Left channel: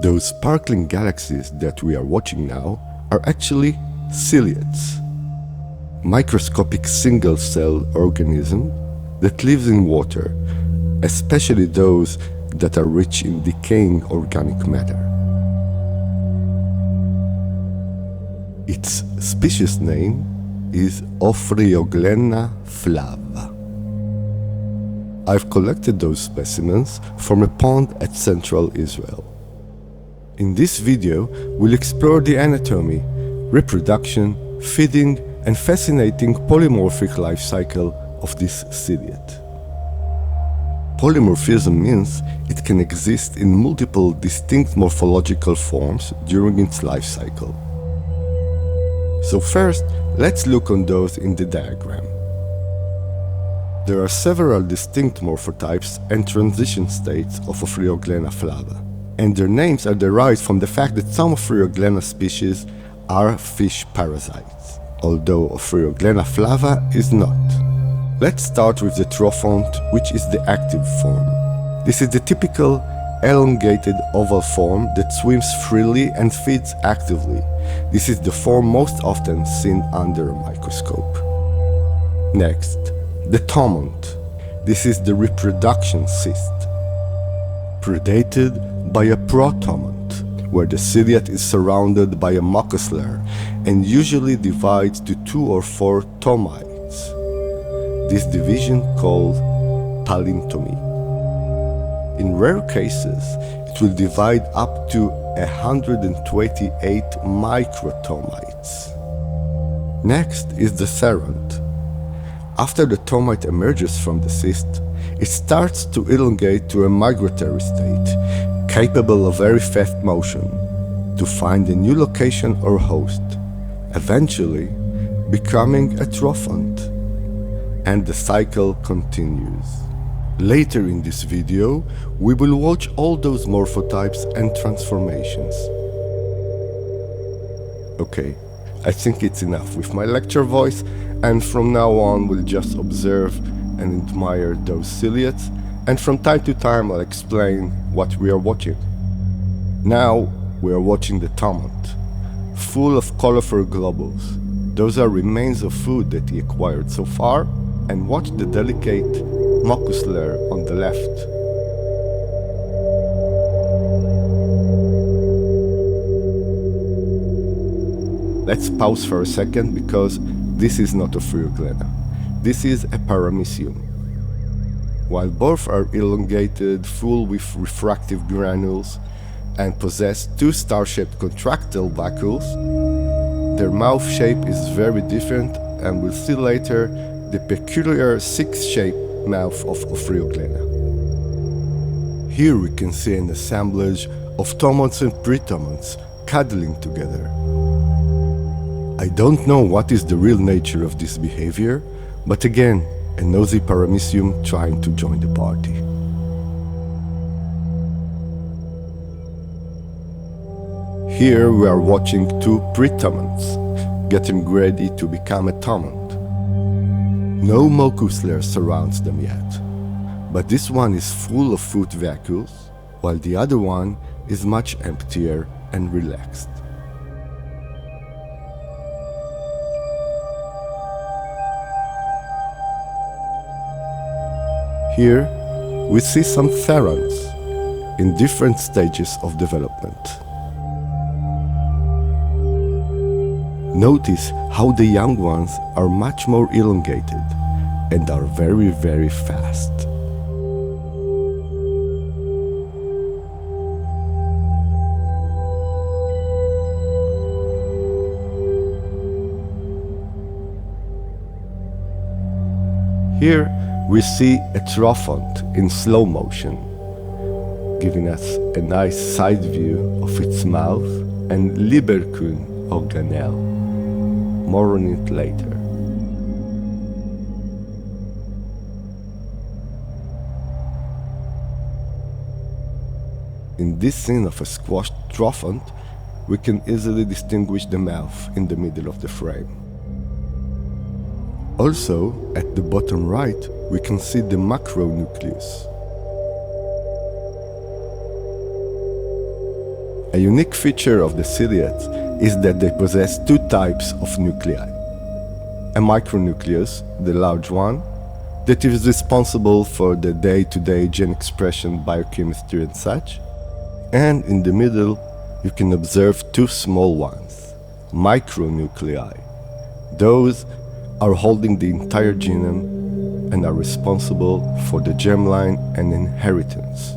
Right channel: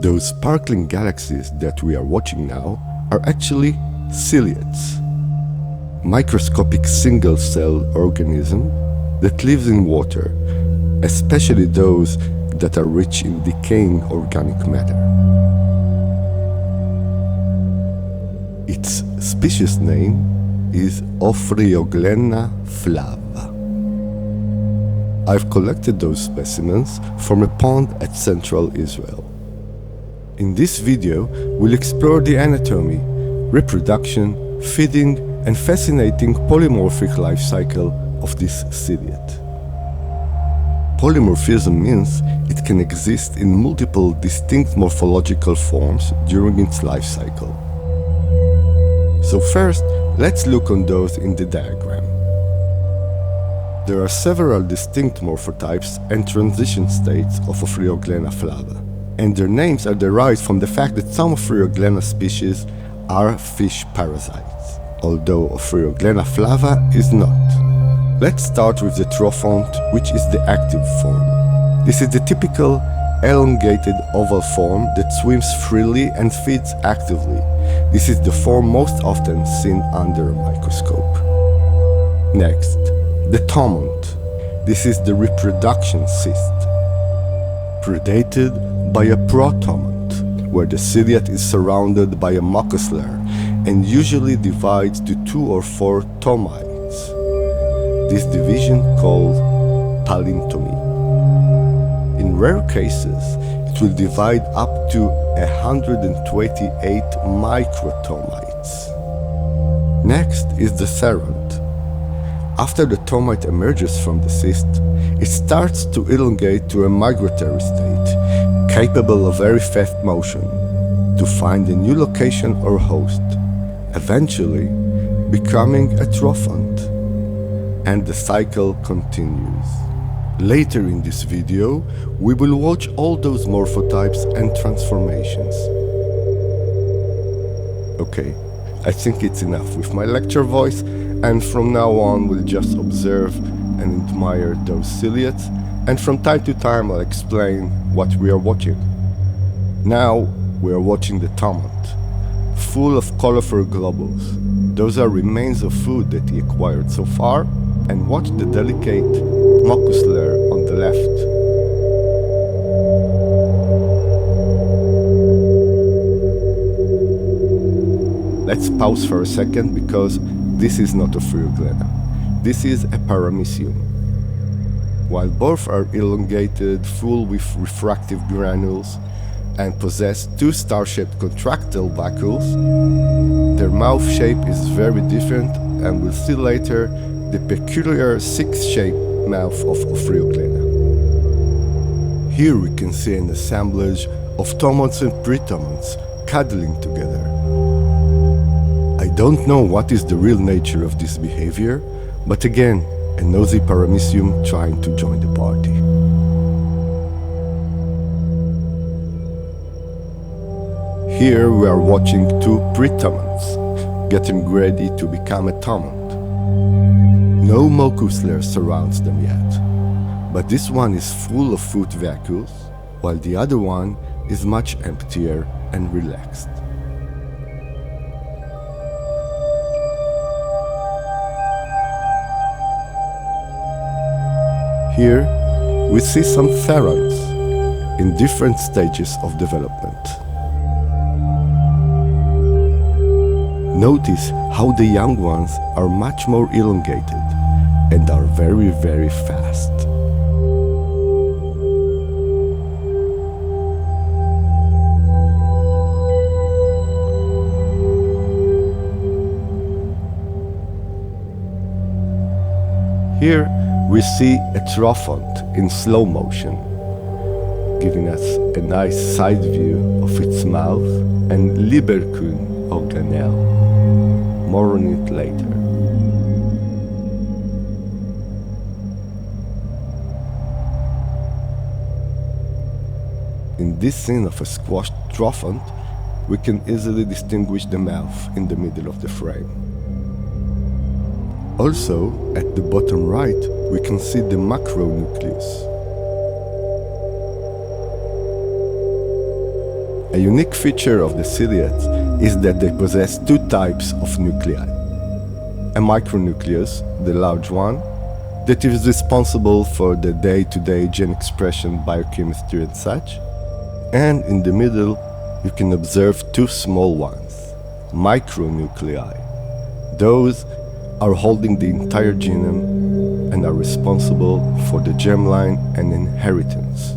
Those sparkling galaxies that we are watching now are actually ciliates, microscopic single-cell organisms that live in water, especially those that are rich in decaying organic matter. Its species name is Ophryoglena flava. I've collected those specimens from a pond at central Israel. In this video, we'll explore the anatomy, reproduction, feeding, and fascinating polymorphic life cycle of this ciliate. Polymorphism means it can exist in multiple distinct morphological forms during its life cycle. So first, let's look on those in the diagram. There are several distinct morphotypes and transition states of Ophryoglena flava, and their names are derived from the fact that some Ophryoglena species are fish parasites, although Ophryoglena flava is not. Let's start with the trophont, which is the active form. This is the typical elongated oval form that swims freely and feeds actively. This is the form most often seen under a microscope. Next, the tomont. This is the reproduction cyst, predated by a protomont, where the ciliate is surrounded by a mucus layer and usually divides to 2 or 4 tomites. This division called palintomy. In rare cases, it will divide up to 128 microtomites. Next is the theront. After the tomite emerges from the cyst, it starts to elongate to a migratory state, capable of very fast motion, to find a new location or host, eventually becoming a trophont. And the cycle continues. Later in this video, we will watch all those morphotypes and transformations. Okay, I think it's enough with my lecture voice, and from now on we'll just observe and admire those ciliates, and from time to time I'll explain what we are watching. Now we are watching the tomont, full of colorful globules. Those are remains of food that he acquired so far, and watch the delicate mucus layer on the left. Let's pause for a second because this is not a Ophryoglena. This is a paramecium. While both are elongated, full with refractive granules, and possess 2 star-shaped contractile vacuoles, their mouth shape is very different, and we'll see later the peculiar 6-shaped mouth of Ophryoglena. Here we can see an assemblage of tomonts and pretomonts cuddling together. I don't know what is the real nature of this behavior, but again, a nosy paramecium trying to join the party. Here we are watching 2 pretomonts getting ready to become a tomont. No mucus layer surrounds them yet, but this one is full of food vacuoles, while the other one is much emptier and relaxed. Here we see some theronts in different stages of development. Notice how the young ones are much more elongated and are very, very fast. Here we see a trophont in slow motion, giving us a nice side view of its mouth and Liberkun organelle. More on it later. In this scene of a squashed trophont, we can easily distinguish the mouth in the middle of the frame. Also, at the bottom right, we can see the macronucleus. A unique feature of the ciliates is that they possess two types of nuclei. A micronucleus, the large one, that is responsible for the day-to-day gene expression, biochemistry and such. And in the middle, you can observe two small ones, micronuclei. Those are holding the entire genome and are responsible for the germline and inheritance.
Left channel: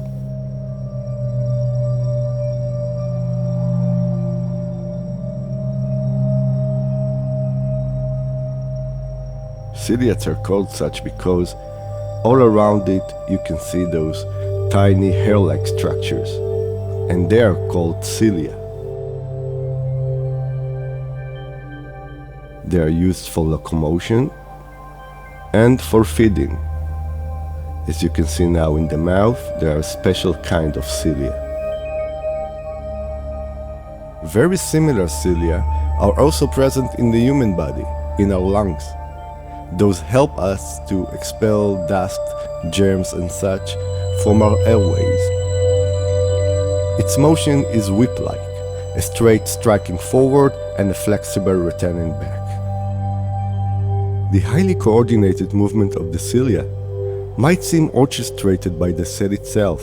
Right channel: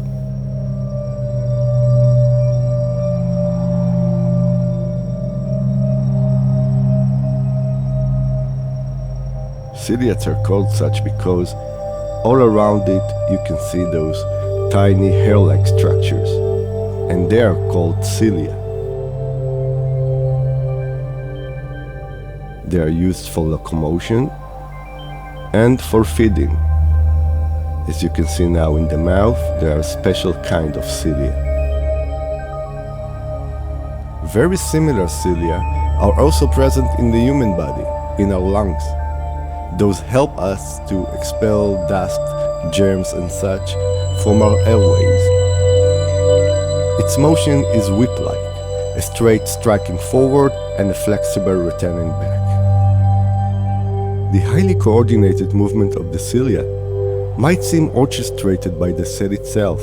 Ciliates are called such because all around it you can see those tiny hair-like structures, and they are called cilia. They are used for locomotion and for feeding. As you can see now in the mouth, there are a special kind of cilia. Very similar cilia are also present in the human body, in our lungs. Those help us to expel dust, germs and such from our airways. Its motion is whip-like, a straight striking forward and a flexible returning back. The highly coordinated movement of the cilia might seem orchestrated by the cell itself,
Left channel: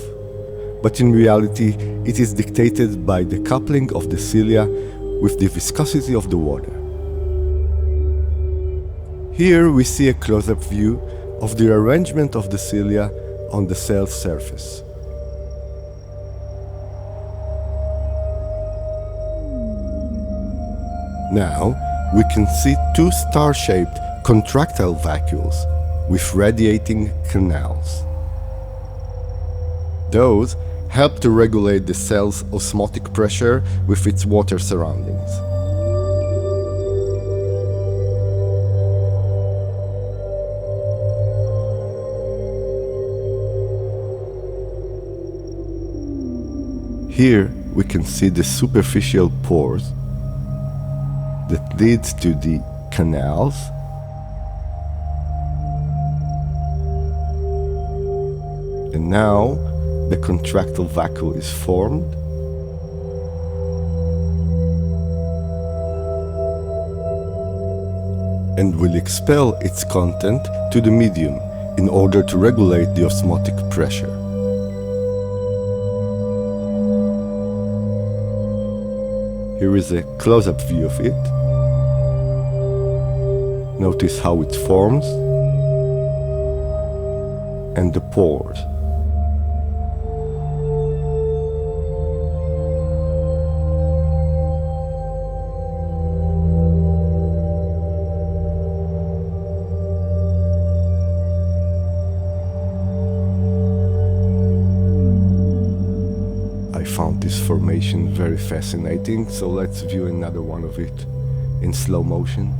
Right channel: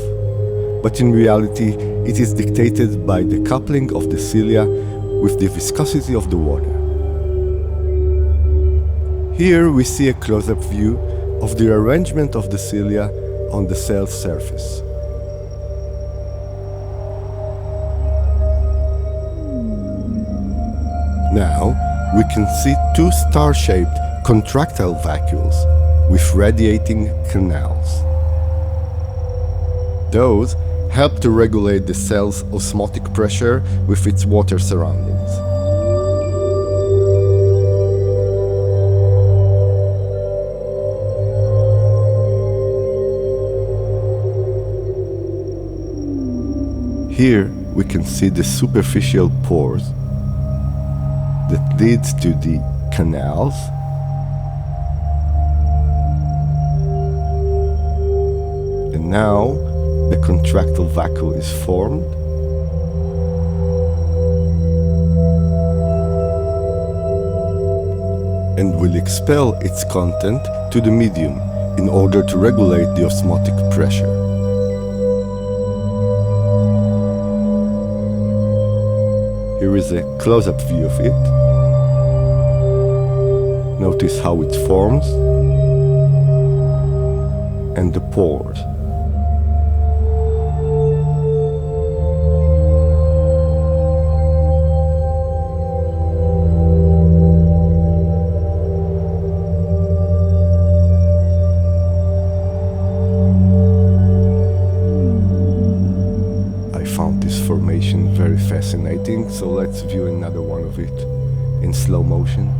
but in reality it is dictated by the coupling of the cilia with the viscosity of the water. Here we see a close-up view of the arrangement of the cilia on the cell's surface. Now we can see two star-shaped contractile vacuoles with radiating canals. Those help to regulate the cell's osmotic pressure with its water surroundings. Here we can see the superficial pores that leads to the canals, and now the contractile vacuole is formed, and will expel its content to the medium in order to regulate the osmotic pressure. Here is a close-up view of it. Notice how it forms and the pores. I found this formation very fascinating, so let's view another one of it in slow motion.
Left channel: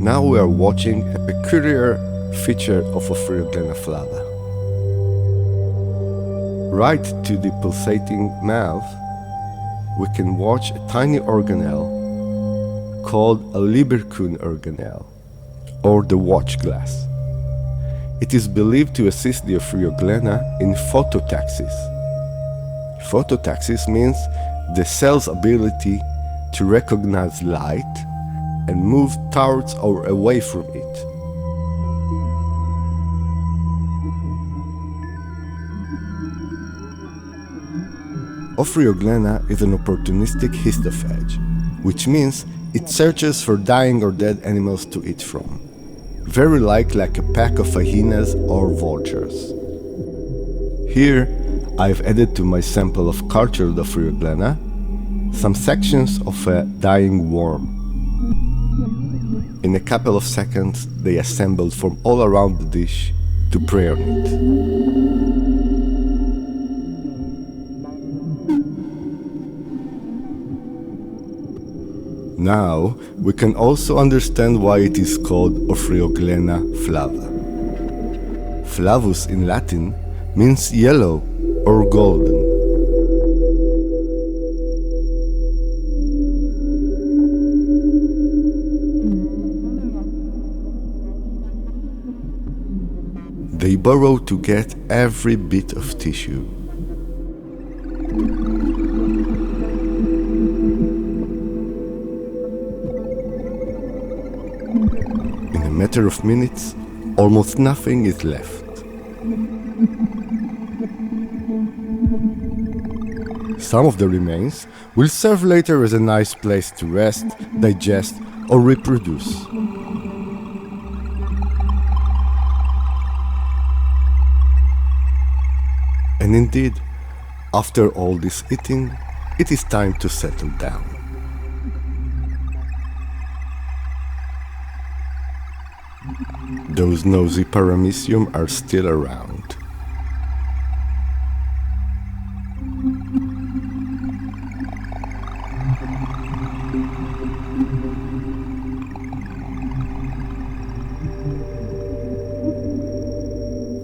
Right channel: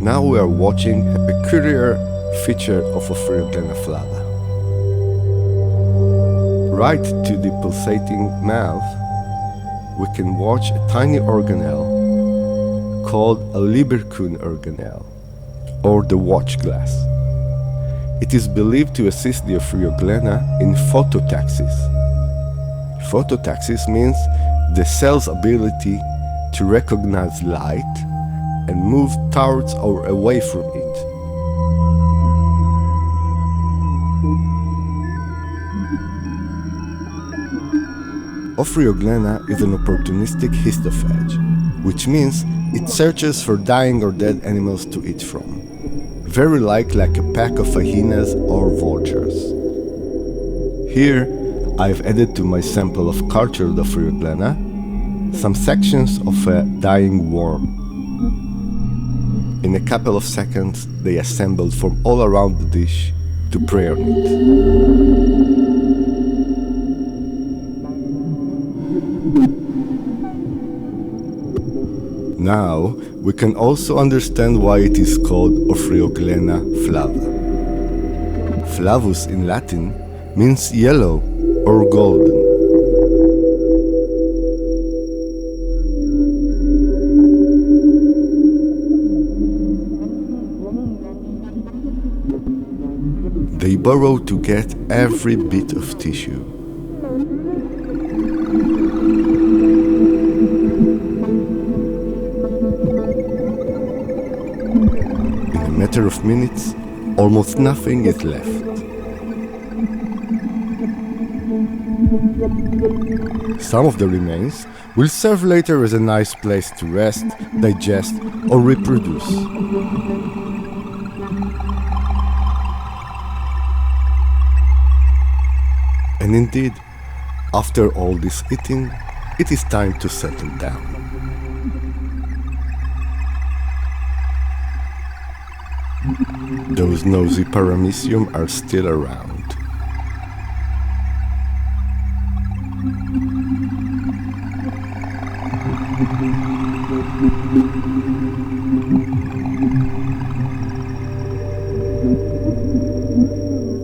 Now we are watching a peculiar feature of Ophryoglena flava. Right to the pulsating mouth, we can watch a tiny organelle called a Lieberkühn organelle, or the watch glass. It is believed to assist the Ophryoglena in phototaxis. Phototaxis means the cell's ability to recognize light and move towards or away from it. Ophryoglena is an opportunistic histophage, which means it searches for dying or dead animals to eat from, very like a pack of hyenas or vultures. Here, I've added to my sample of cultured Ophryoglena some sections of a dying worm. In a couple of seconds, they assembled from all around the dish to prey on it. Now we can also understand why it is called Ophryoglena flava. Flavus in Latin means yellow or golden. They burrow to get every bit of tissue. In a matter of minutes, almost nothing is left. Some of the remains will serve later as a nice place to rest, digest, or reproduce. And indeed, after all this eating, it is time to settle down. Those nosy paramecium are still around.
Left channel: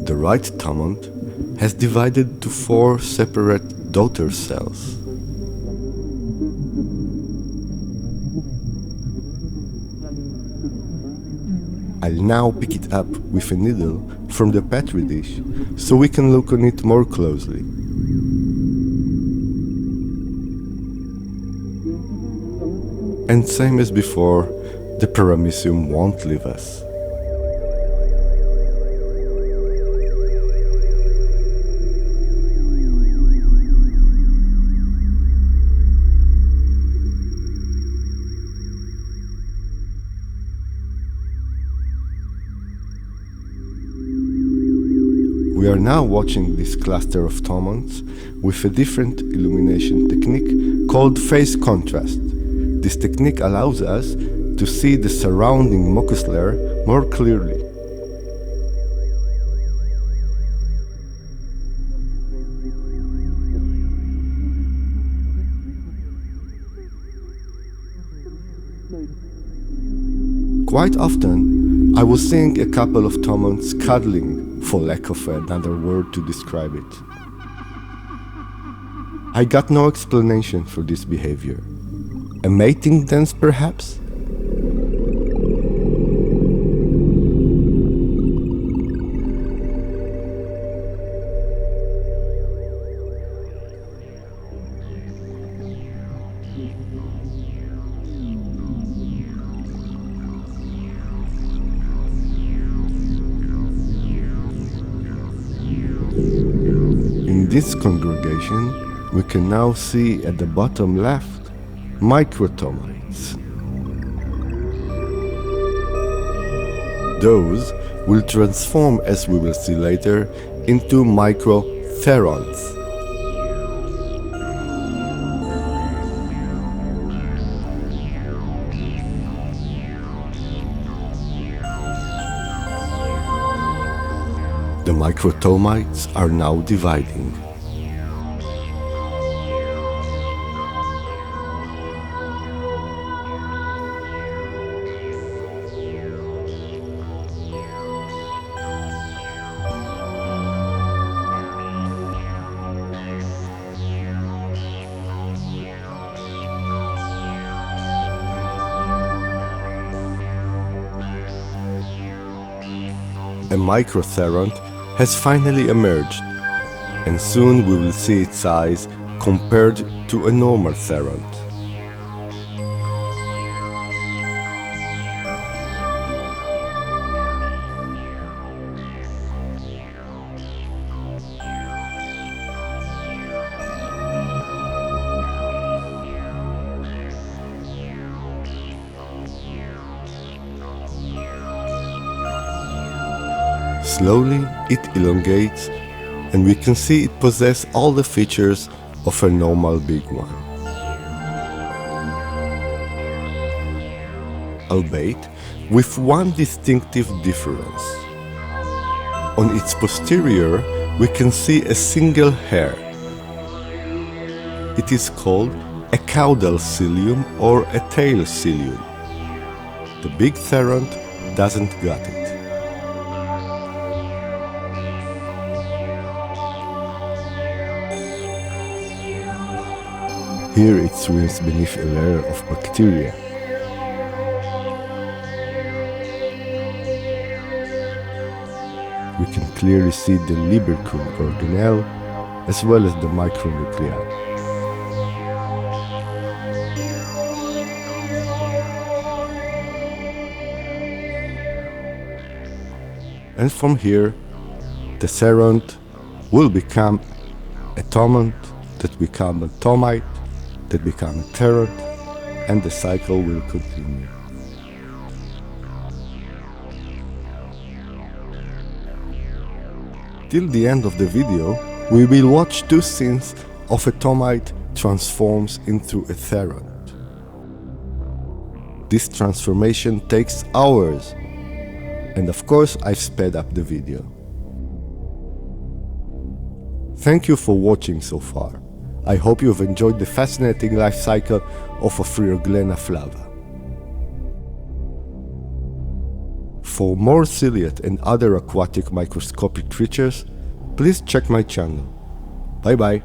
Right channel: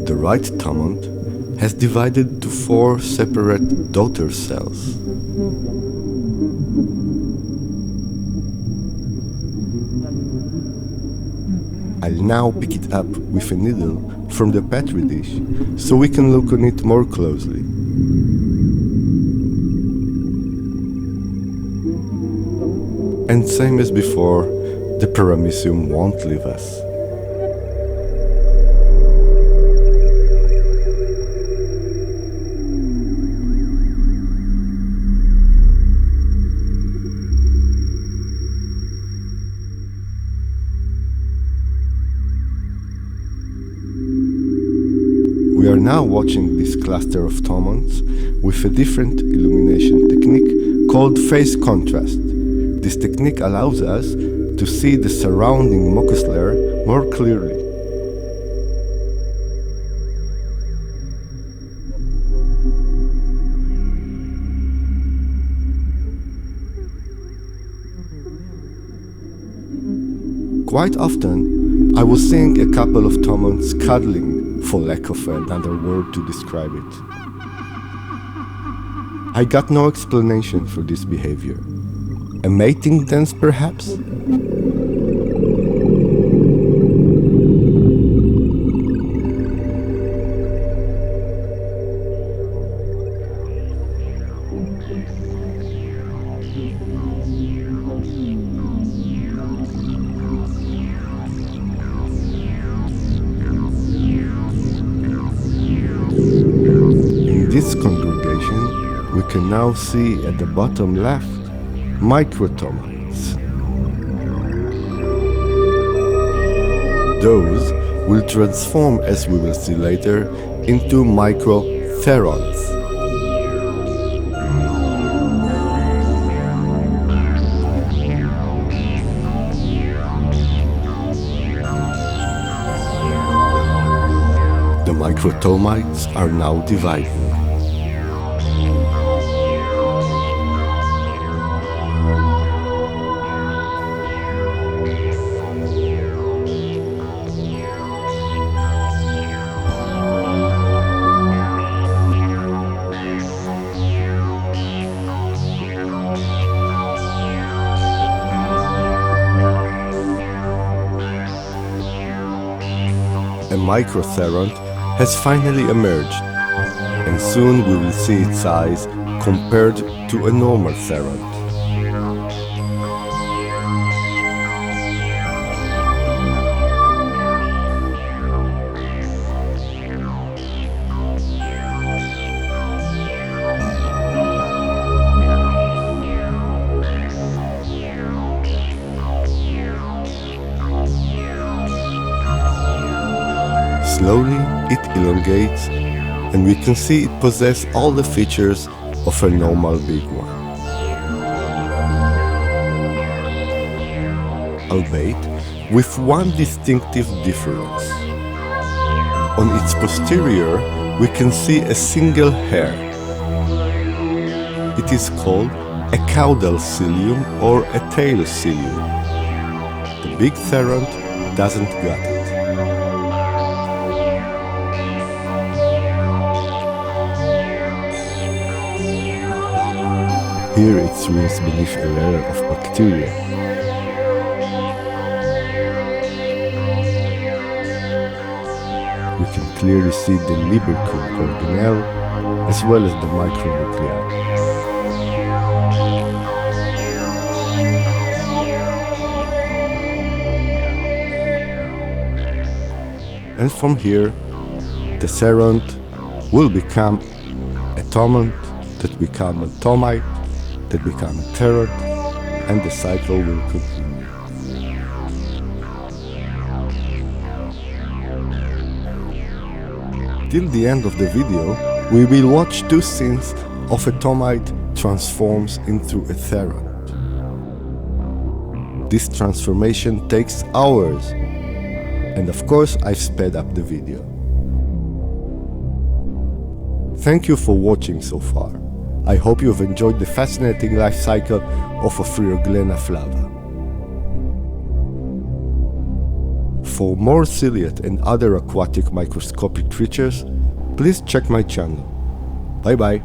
The right thumont has divided to 4 separate daughter cells. I'll now pick it up with a needle from the petri dish so we can look on it more closely. And same as before, the paramecium won't leave us. We are now watching this cluster of thomonts with a different illumination technique called phase contrast. This technique allows us to see the surrounding mucus layer more clearly. Quite often, I was seeing a couple of thomonts cuddling, for lack of another word to describe it. I got no explanation for this behavior. A mating dance, perhaps? In this congregation, we can now see at the bottom left microtomites. Those will transform, as we will see later, into microtherons. The microtomites are now dividing. A microtheron has finally emerged, and soon we will see its size compared to a normal theron. Slowly it elongates, and we can see it possesses all the features of a normal big one. Albeit with one distinctive difference. On its posterior, we can see a single hair. It is called a caudal cilium or a tail cilium. The big theront doesn't got it. Here it swims beneath a layer of bacteria. We can clearly see the Libercule organelle as well as the micronuclei. And from here, the theront will become a tomont, that become a tomite, that become a theront, and the cycle will continue. Till the end of the video, we will watch two scenes of a tomite transforms into a theront. This transformation takes hours, and of course I've sped up the video. Thank you for watching so far. I hope you've enjoyed the fascinating life cycle of Ophryoglena flava. For more ciliate and other aquatic microscopic creatures, please check my channel. Bye bye.